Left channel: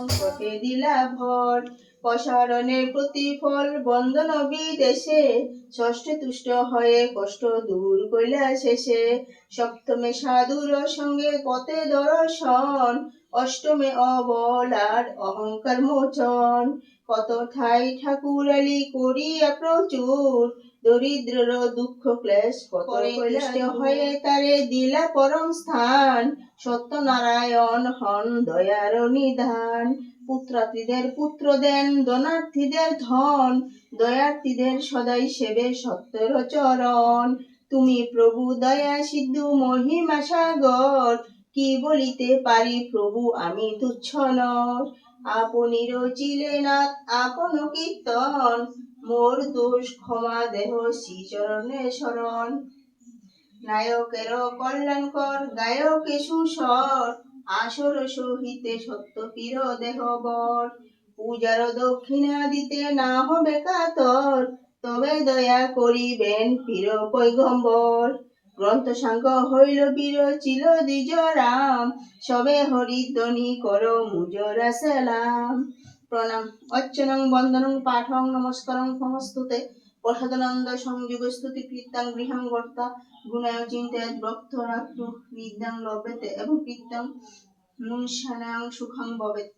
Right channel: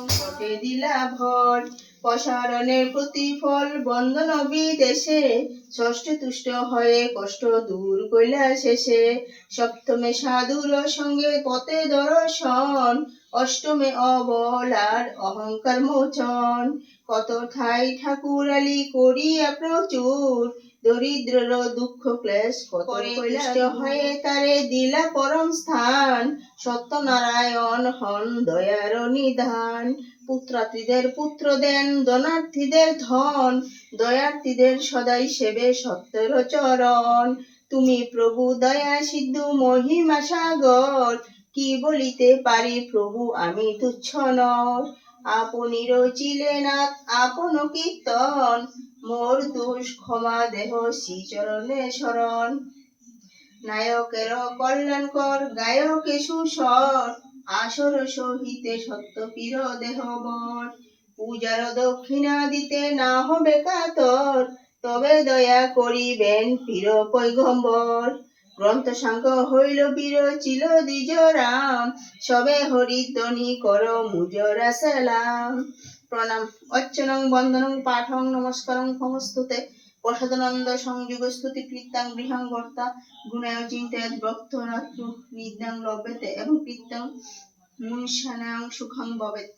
সংকটে দিলা ভর, প্রসারণের প্রতিফল বন্দন বিদেশে, ষষ্ঠে তুষ্ট হয়ে কষ্ট দূর কইলা শেষে, সপ্তমে সাধুর সঙ্গে পথে দর্শন, অষ্টমে অবলার অহংকার মোচন, কত ঠাই ঠাকুরালি করিয়া প্রচুর, দরিদ্রর দুঃখ ক্লেশ করে কষ্ট হয়ে তারে দিলা পরম স্থান, সত্যনারায়ণ হন দয়ার নিধান, পুত্রার্থীদের পুত্র দেন, ধনার্থীদের ধন, দয়ার্থীদের সদাই সেবে সত্যের চরণ, তুমি প্রভু দয়া সিন্ধু মহিমা সাগর, কি বলিতে পারি প্রভু আমি তুচ্ছ নর, আপনি রচিলে নাথ আপন কীর্তন, মোর দোষ ক্ষমা দেহ শ্রীচরণে শরণ, নায়কের কল্যাণকর গায়কে সুস্বর, আসর সহিতে সত্য পীর দেহবর, পূজার দক্ষিণা দিতে না হবে কাতর, তবে দয়া করিবেন পীর পৈগম্বর, গ্রন্থ সাংখ্য হইল বীর চিল দ্বিজ রাম, সবে হরিধ্বনি কর মুজরা সালাম। প্রণাম। অর্চনং বন্দনং পাঠং নমস্কারং সমস্তুতে, প্রসাদানন্দ সংযুগ স্তুতি কীর্তন গৃহং কর্তা, গুণায় চিন্তায় ভক্ত রাত্র নিদ্যাং লভ্যতে এবং কীর্তন মুনশানাং সুখং ভবেত।